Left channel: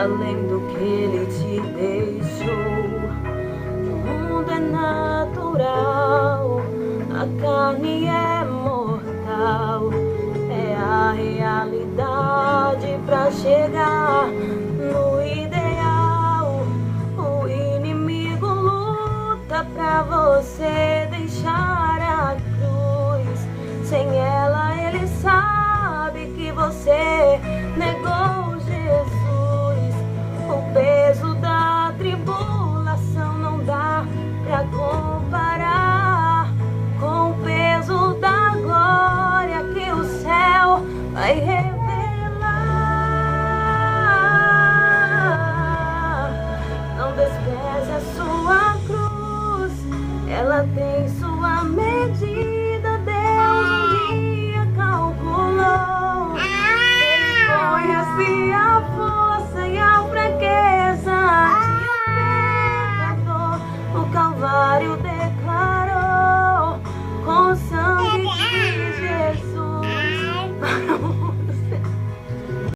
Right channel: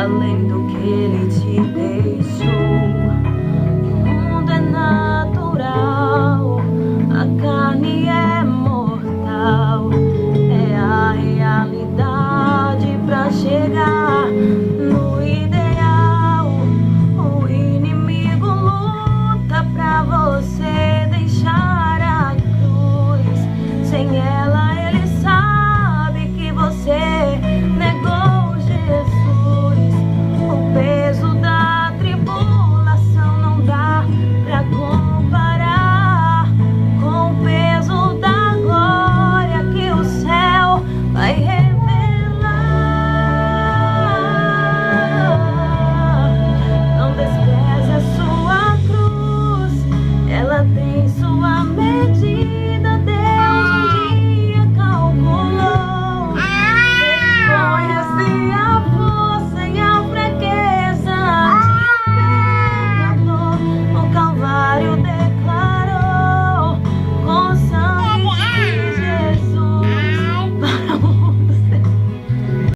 além do que ele te deixou. O mundo é natural, a carne é mortal, é a realidade pra chegar no ideal. O inimigo luta pra você